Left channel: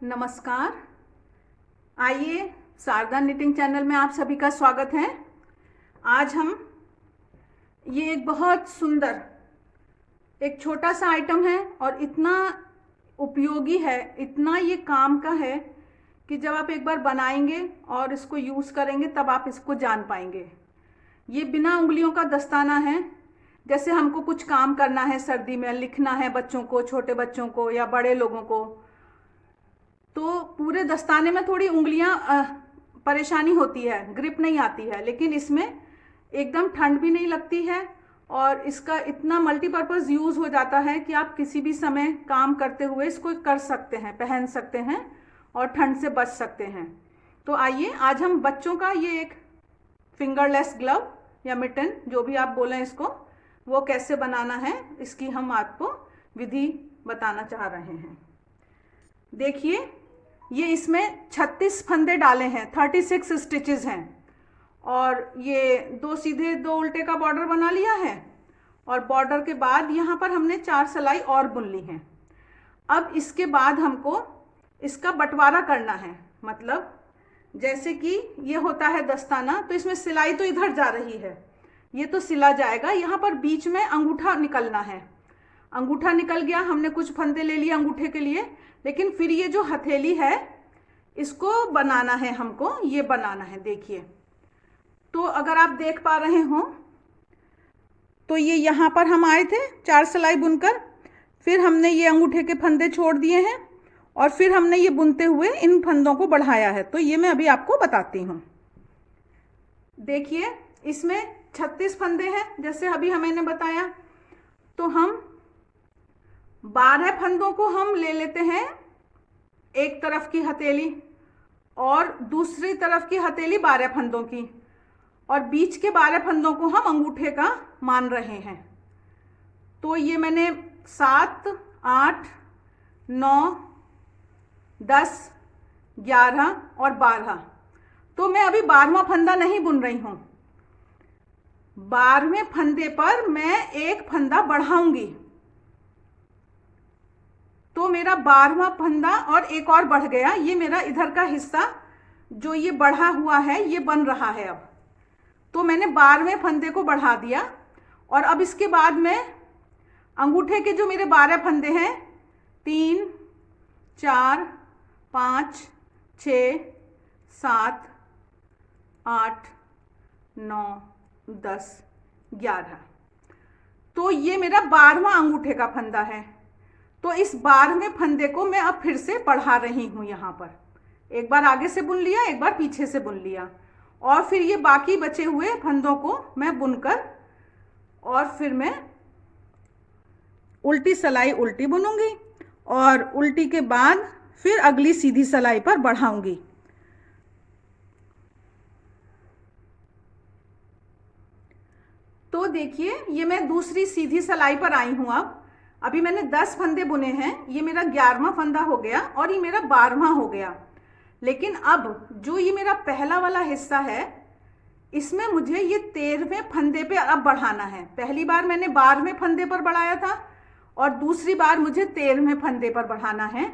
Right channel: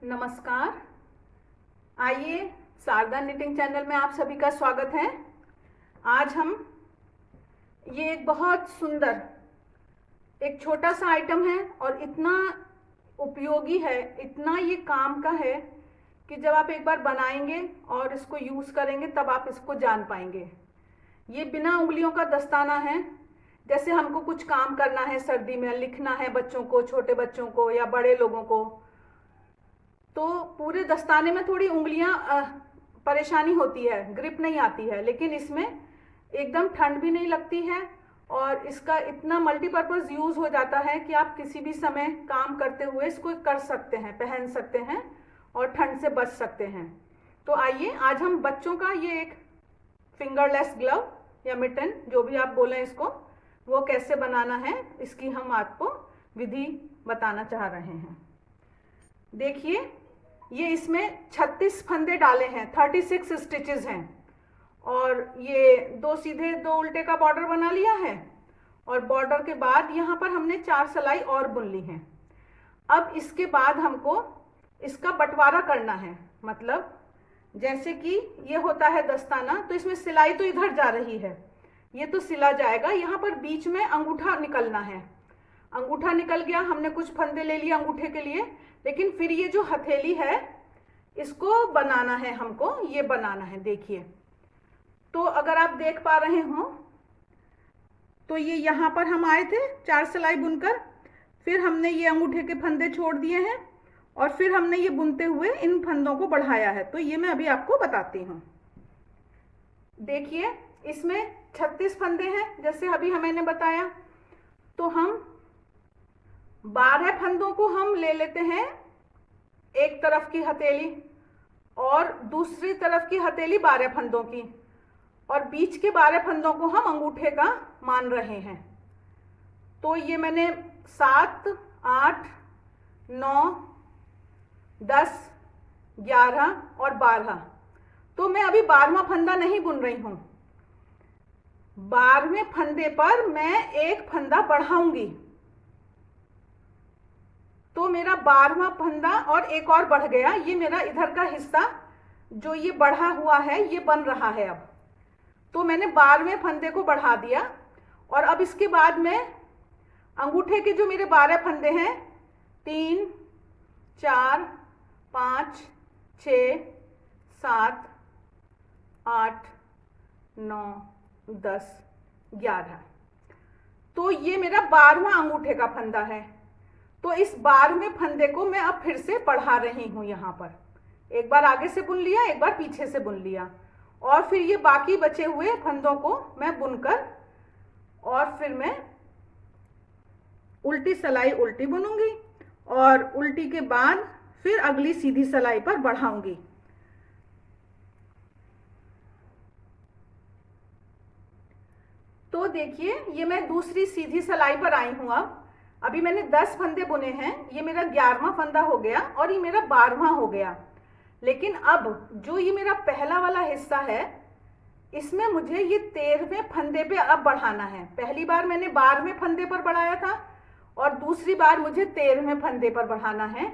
नमस्कार। आइए, Sharda knitting channel में आप सभी का स्वागत है। आज हम ये एक बहुत सुंदर एक छोटा सा आइटम है और इतना उपयोगी है, इतना ये काम का है कि जब आप एक बार बनाएंगे और इसको यूज़ करेंगे तब आप इसको जान पाएंगे। ये बिना उंगलियों का दस्ताना है। जैसे हमको कुछ काम करना है, सर्दी में लिखना है बच्चों को, छोटे बच्चों को या बड़े लोगों को, तो पूरे दस्ताने में थोड़ी उंगलियां परेशानी होती है, ग्रिप नहीं आती है, लेकिन इसमें एकदम ठंड भी नहीं लगती है और इसका इतना मल्टीपर्पज़ यूज़ हो जाता है कि आप किसी भी समय काम करते हुए इसको कर सकते हैं, पहन सकते हैं और ठंड से बच सकते हैं। तो आइए, आज हम बच्चों का ये एक फिंगरलेस ग्लव या मिटन, जो भी आप बोलें इसको, वो कैसे बनाना है इसकी हम आपको विधि बताना चाह रहे हैं। देखिए, ये इसमें 36 फंदे डाले हैं, 36 स्टिचेस हैं और ये 2 सीधे 2 उल्टे का बॉर्डर बना लिया है और बॉर्डर के बाद यहाँ पर हमने 4 सिलाई और बुन ली हैं। अब इसके बाद हमको इसका बंटवारा करना है, मतलब जैसे कि ये होता है दस्ताना, तो इसमें सिलाई तो इधर जा रही है, ये तो सिला जाएगा, यहाँ पर बीच में अंगूठा निकलना है। अंगूठा निकल गया, हमने कुछ फंदे ले लिए अंगूठे के लिए, लेकिन फिर ये जो हथेली है इसको बनाना है, हमको ये बनाना है। देखिए, तो अगर आप देख पा रहे हो तो ये यहाँ पर हम आए थे 4 सिलाई बुनकर, फिर हमने ये अंगूठे के फंदे छोड़ दिए हैं और फिर हमने ये बुनते हुए इन फंदों को बढ़ाया है। तो ये मैं अभी आपको बताती हूँ। देखिए, इसमें 36 फंदे हैं जैसे अभी मैंने बताया। तो हम 12 फंदों को हम ले लेते हैं, एक तरफ की हथेली और दूसरी तरफ की हथेली 12 फंदों की, और बीच के 12 फंदों को हम अंगूठे का मान रहे हैं। तो ये मैंने 7, 8, 9, 10, 11 और 12, तो मैं अभी 12वां फंदा नहीं बुन रही हूं। 12वें फंदे पर मैं एक फंदा बढ़ाऊंगी, तो मेरा 12वां फंदा और एक और बढ़ गया। ये मेरा इधर का हिस्सा जो ये बढ़ा हुआ है ये बन रहा है। अब तो मैंने 12वें फंदे को बढ़ा दिया और अब इसके बाद में अंगूठे के जो मेरे 12 फंदे हैं, 3, 4, 5, 6, 7, 8, 9, 10, 11, तो ये मेरा 12वां अंगूठे का फंदा है। तो इस 12वें फंदे को मैं अब फिर से बढ़ा रही हूं। यहाँ पर एक बार आगे से बुन लिया, एक बार पीछे से बुन लिया, और फिर ये बाकी बचे हुए फंदों को मैं बुनकर और फिर मैं उल्टी सिलाई उल्टी बुनूंगी और उल्टी के बाद फिर अगली सीधी सिलाई पर बढ़ाऊंगी। तो देखिए, ये मैं दूसरी सीधी सिलाई पर आई हूं। अब अभी मैंने 10 फंदे बुने हैं, ये मेरा 11वां फंदा हो गया और ये मेरा 12वां हो गया। लेकिन अब जो ये मेरा पहला वाला हिस्सा है, इसमें मुझे ये 13वें फंदे पे अब बढ़ाना है। पहली बार मैंने 12वें फंदे पर बढ़ाया था और दूसरी बार मुझे 13वें फंदे पर बढ़ाना है,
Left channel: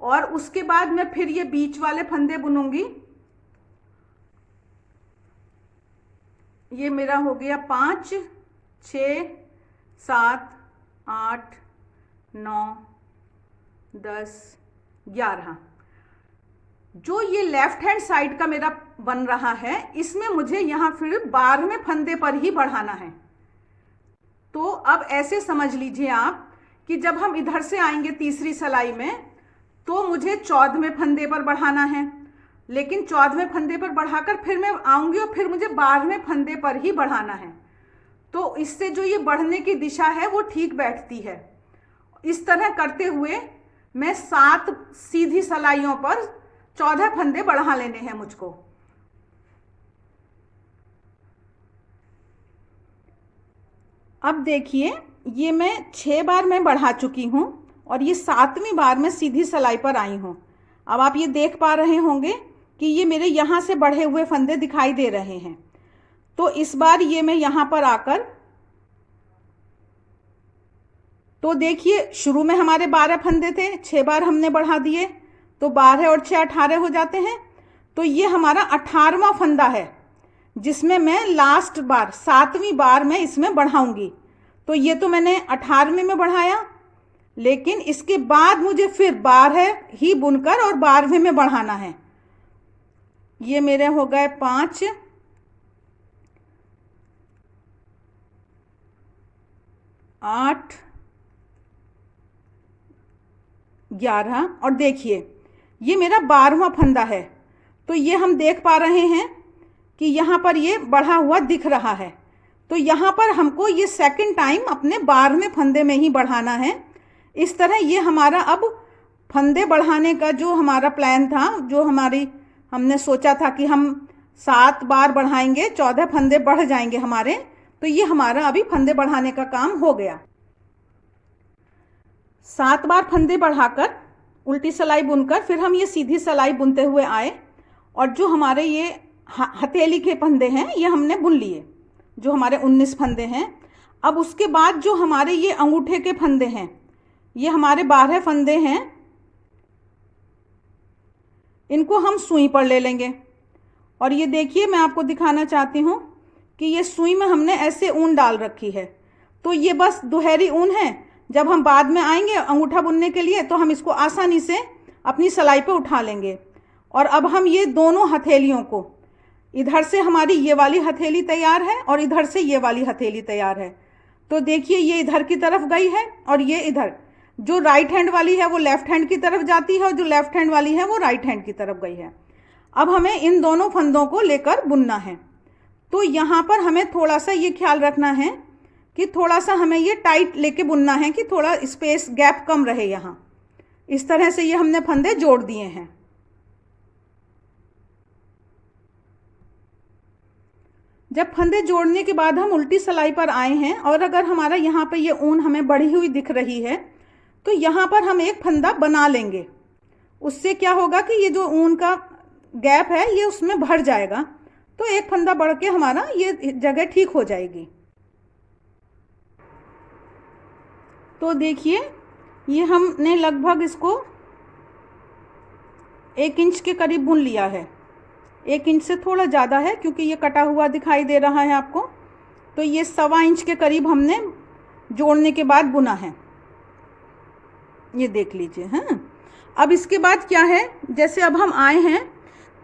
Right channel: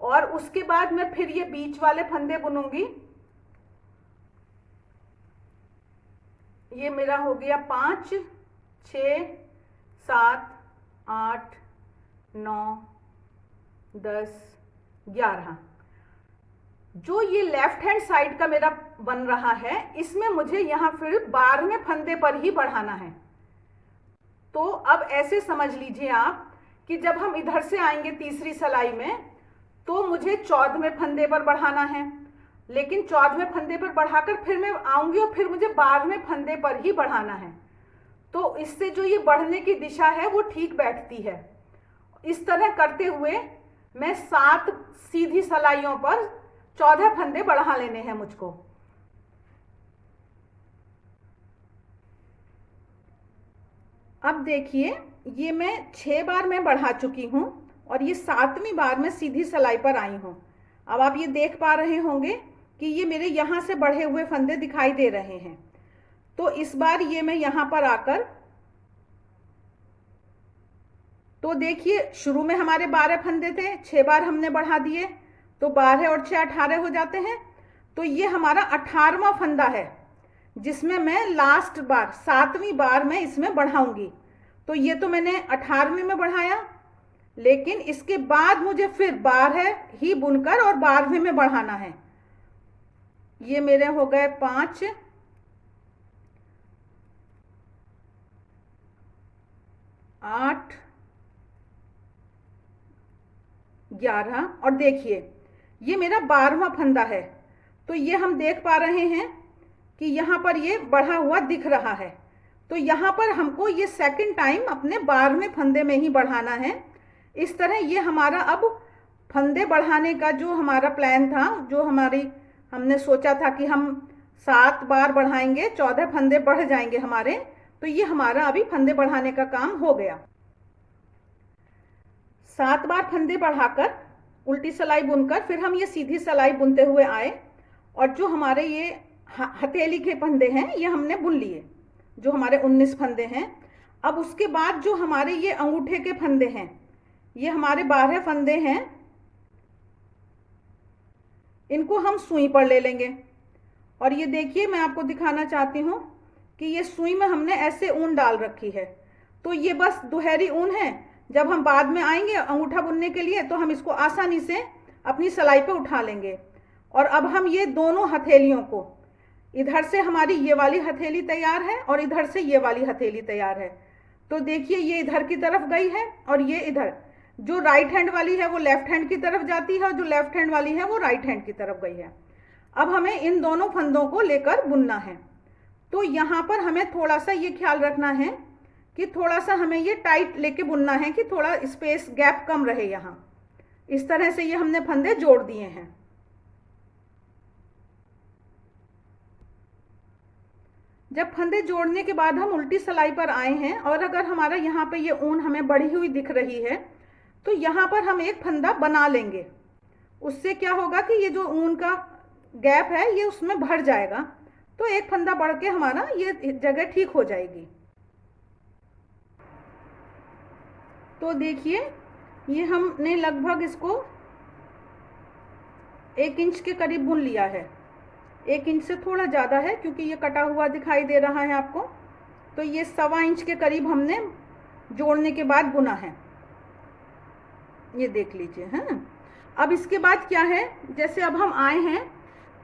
और उसके बाद मैं फिर ये बीच वाले फंदे बुनूंगी। ये मेरा हो गया 5, 6, 7, 8, 9, 10, 11। जो ये लेफ्ट हैंड साइड का मेरा बन रहा है, इसमें मुझे यहां फिर 12वें फंदे पर ही बढ़ाना है। तो अब ऐसे समझ लीजिए आप कि जब हम इधर से आएंगे तीसरी सिलाई में, तो मुझे 14वें फंदे पर बढ़ाना है, लेकिन 14वें फंदे पर बढ़ाकर फिर मैं आऊंगी और फिर मुझे 12वें फंदे पर ही बढ़ाना है। तो इससे जो ये बढ़ने की दिशा है वो ठीक बैठती है। इस तरह करते हुए मैं 7 सीधी सिलाइयों पर 14 फंदे बढ़ा लेने हैं मुझको। अब देखिए, ये मैं 6 बार मैं बढ़ा चुकी हूं और ये 7वीं बार मैं सीधी सिलाई पर आई हूं। अब आप ये देख पा रहे होंगे कि ये मेरे यहां से बढ़े हुए फंदे दिखाई दे रहे हैं। तो इस बार ये मैं यहां पर आकर, तो देखिए, शुरू में हमारे 12 फंदे थे, 6 बार हमने बढ़ा दिए, तो 12 और 6 18 हो जाते हैं। तो ये हमारा 18वां फंदा है, जिसमें मैं लास्ट बार 7वीं बार मैं इसमें बढ़ाऊंगी। तो ये तो मैंने 18वें में बढ़ाया, लेकिन इसके बाद मुझे फिर 12 ही बुनकर और 12वें में बढ़ाना है। ये मेरे हो गए 5, 8, 11 और देखिए ये मेरा 12वां फंदा है। तो ये हम देख पा रहे हैं कि यहाँ पर ये बढ़ा हुआ दिख रहा है। तो यहाँ पर हमको ये सेकंड टाइम अपने 12वें फंदे में ही बढ़ाना है। इस तरह ये हमारा अब फंदे बढ़ाने का जो हमारा प्लान था, जो हमने सोचा था कि हम 7 बार बढ़ाएंगे, 14 फंदे बढ़ जाएंगे हमारे। तो ये हमारा अभी फंदे बढ़ाने का काम हो गया। 7 बार फंदे बढ़ाकर उल्टी सिलाई बुनकर फिर हम ये सीधी सिलाई बुनते हुए आए, और जो हमारे ये हथेली के फंदे हैं ये हमने बुन लिए, जो हमारे 19 फंदे हैं। अब उसके बाद जो हमारे ये अंगूठे के फंदे हैं, ये हमारे 12 फंदे हैं, इनको हम सुई पर ले लेंगे। और ये देखिए मैं आपको दिखाना चाहती हूँ कि ये सुई में हमने ऐसे ऊन डाल रखी है। तो ये बस दुहरी ऊन है, जब हम बाद में आएंगे अंगूठा बुनने के लिए तो हम इसको आसानी से अपनी सिलाई पे उठा लेंगे। और अब हम ये दोनों हथेलियों को, इधर से हमारी ये वाली हथेली तैयार है और इधर से ये वाली हथेली तैयार है। तो देखिए ये इधर की तरफ गई है और ये इधर, जो राइट हैंड वाली है वो लेफ्ट हैंड की तरफ जाती है और जो लेफ्ट हैंड वाली है वो राइट हैंड की तरफ गई है। अब हमें इन दोनों फंदों को लेकर बुनना है। तो यहाँ पर हमें थोड़ा सा ये ख्याल रखना है कि थोड़ा सा हमें ये टाइट लेके बुनना है कि थोड़ा स्पेस गैप कम रहे यहाँ। इस तरह से ये हमने फंदे जोड़ दिए हैं। जब फंदे जोड़ने के बाद हम उल्टी सिलाई पर आए हैं और अगर हमारा यहाँ पे ये ऊन हमें बढ़ी हुई दिख रही है तो यहाँ पर हम एक फंदा बना लेंगे। उससे क्या होगा कि ये जो ऊन का गैप है ये उसमें भर जाएगा, तो एक फंदा बढ़ के हमारा ये जगह ठीक हो जाएगी। तो देखिए ये हमने लगभग इसको 1 इंच के करीब बुन लिया है। 1 इंच से थोड़ा ज़्यादा है क्योंकि ये कटा हुआ दिखाई दे रहा है आपको। तो ये 1.25 इंच के करीब हमने जोड़ने के बाद बुना है, ये देख लीजिए। हाँ, अब इसके बाद क्या है, जैसे अब हम आए हैं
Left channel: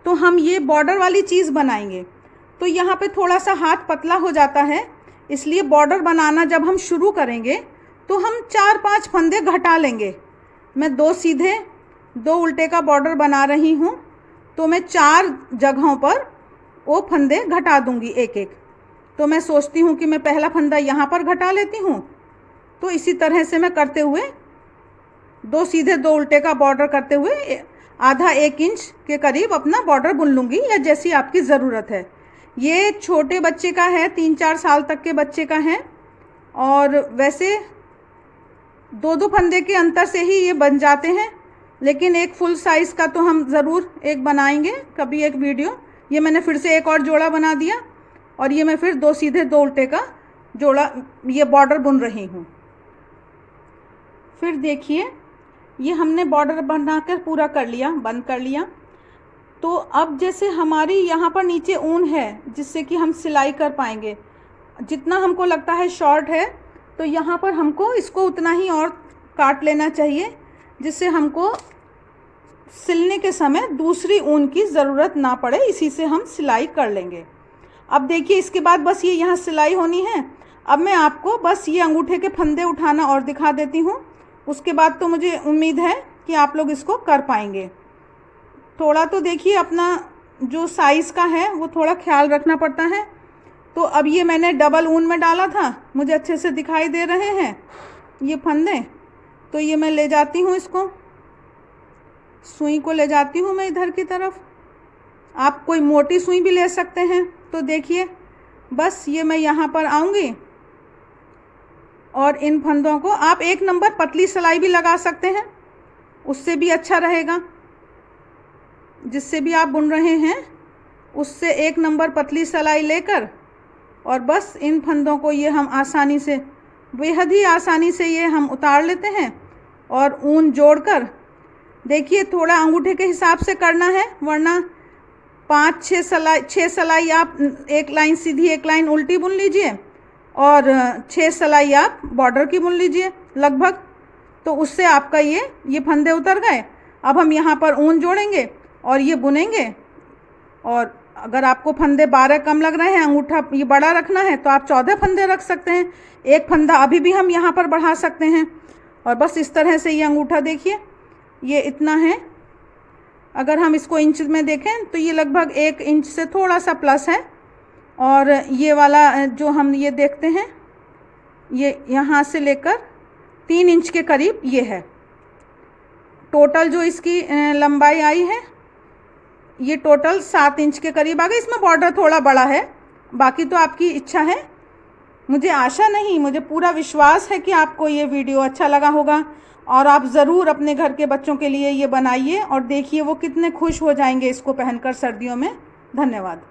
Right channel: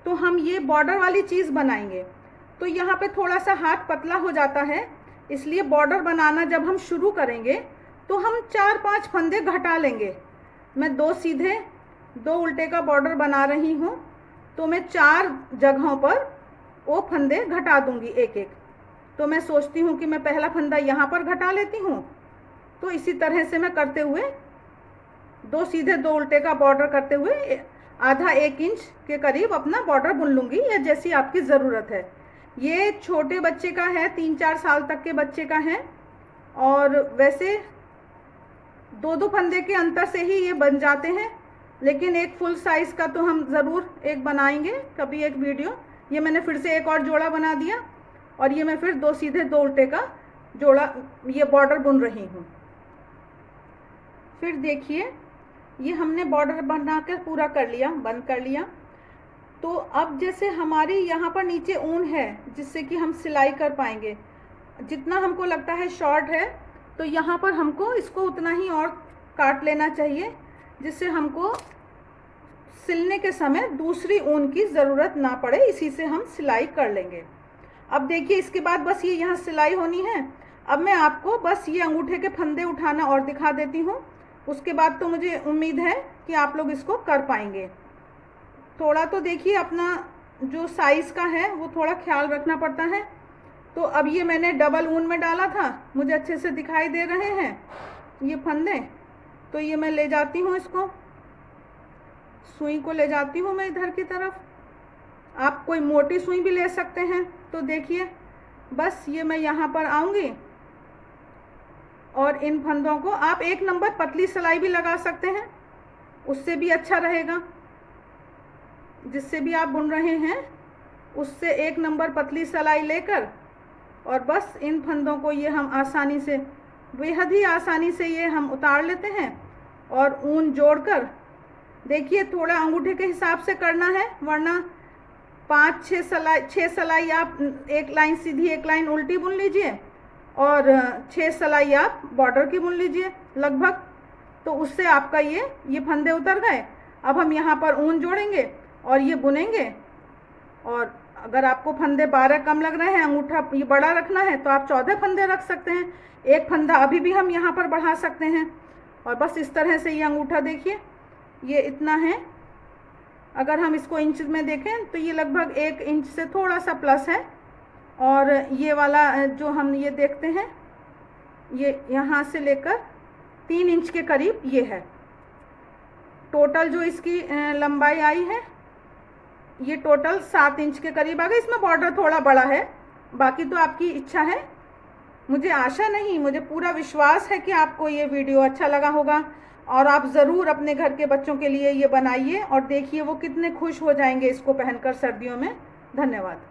तो हम ये बॉर्डर वाली चीज़ बनाएंगे। तो यहाँ पे थोड़ा सा हाथ पतला हो जाता है, इसलिए बॉर्डर बनाना जब हम शुरू करेंगे तो हम 4-5 फंदे घटा लेंगे। मैं 2 सीधे 2 उल्टे का बॉर्डर बना रही हूँ, तो मैं 4 जगहों पर वो फंदे घटा दूंगी एक एक। तो मैं सोचती हूँ कि मैं पहला फंदा यहाँ पर घटा लेती हूँ। तो इसी तरह से मैं करते हुए 2 सीधे 2 उल्टे का बॉर्डर करते हुए आधा 1 इंच के करीब अपना बॉर्डर बुन लूँगी, या जैसी आपकी ज़रूरत है। ये छोटे बच्चे का है, 3-4 साल तक के बच्चे का है, और वैसे 2-2 फंदे के अंतर से ही ये बन जाते हैं, लेकिन एक फुल साइज़ का तो हम ज़रूर एक बनाएंगे कभी एक वीडियो। ये मैंने फिर से एक और जोड़ा बना दिया और ये मैं फिर 2 सीधे 2 उल्टे का जोड़ा ये बॉर्डर बुन रही हूँ। फिर देखिए ये हमने बॉर्डर बनाकर पूरा कर लिया, बंद कर लिया। तो अब जैसे हमारी यहाँ पर नीचे ऊन है जिससे कि हम सिलाई कर पाएंगे, जितना हमको लगता है शॉर्ट है तो यहाँ पर हमको इसको उतना ही और काट लेना चाहिए, जिससे हमको सिलने के समय दूसरी ऊन की ज़रूरत ना पड़े। इसी से हम सिलाई कर लेंगे। अब देखिए इसके बाद बस ये यहाँ सिलाई होनी है। अब मैं आपको बस ये अंगूठे के फंदे उठाना और दिखा देती हूँ, उसके बाद तो मुझे उम्मीद है कि आप लोग इसको कर पाएंगे। थोड़ा तो देखिए अपना जो साइज़ का है वो थोड़ा ख्याल रखना पड़ता है। तो अब ये मैंने डबल ऊन में डाला था, मुझे अच्छे से दिखाई दे रहे हैं ये फंदे। तो ये मैं ले जाती हूँ, इसको सुई को ले जाती हूँ मैं इधर की तरफ। आप कोई मोटी सुई भी ले सकते हैं। तो देखिए बस ये मैं यहाँ पर आऊँगी और इन फंदों को आप 1 नंबर पतली सिलाई भी लगा सकते हैं, उससे भी अच्छा रहेगा। जिससे भी आप बुन रहे हैं उससे 1 नंबर पतली सिलाई लेकर और बस इन फंदों को ये हम आसानी से, बेहद ही आसानी से ये हम उतार लेते हैं और ऊन जोड़कर देखिए थोड़ा अंगूठे के हिसाब से करना है, वरना 6 सिलाई आप एक लाइन सीधी एक लाइन उल्टी बुन लीजिए और 6 सिलाई आप बॉर्डर की बुन लीजिए लगभग, तो उससे आपका ये फंदे उतर गए। अब हम यहाँ पर ऊन जोड़ेंगे और ये बुनेंगे। और अगर आपको फंदे 12 कम लग रहे हैं, अंगूठा ये बड़ा रखना है, तो आप 14 फंदे रख सकते हैं। एक फंदा अभी भी हम यहाँ पर बढ़ा सकते हैं। और बस इस तरह से ये अंगूठा देखिए, ये इतना है। अगर हम इसको इंच में देखें तो ये लगभग 1 इंच से थोड़ा सा प्लस है। और ये वाला जो हम ये देखते हैं, ये यहाँ से लेकर 3 इंच के करीब ये है। टोटल जो इसकी लंबाई आई है, ये टोटल 7 इंच के करीब आ गई। इसमें बॉर्डर थोड़ा बड़ा है, बाकी तो आपकी इच्छा है। मुझे आशा नहीं, मुझे पूरा विश्वास है कि आपको ये वीडियो अच्छा लगा होगा और आप ज़रूर अपने घर के बच्चों के लिए ये बनाइए और देखिए वो कितने खुश हो जाएंगे इसको पहनकर सर्दियों में। धन्यवाद।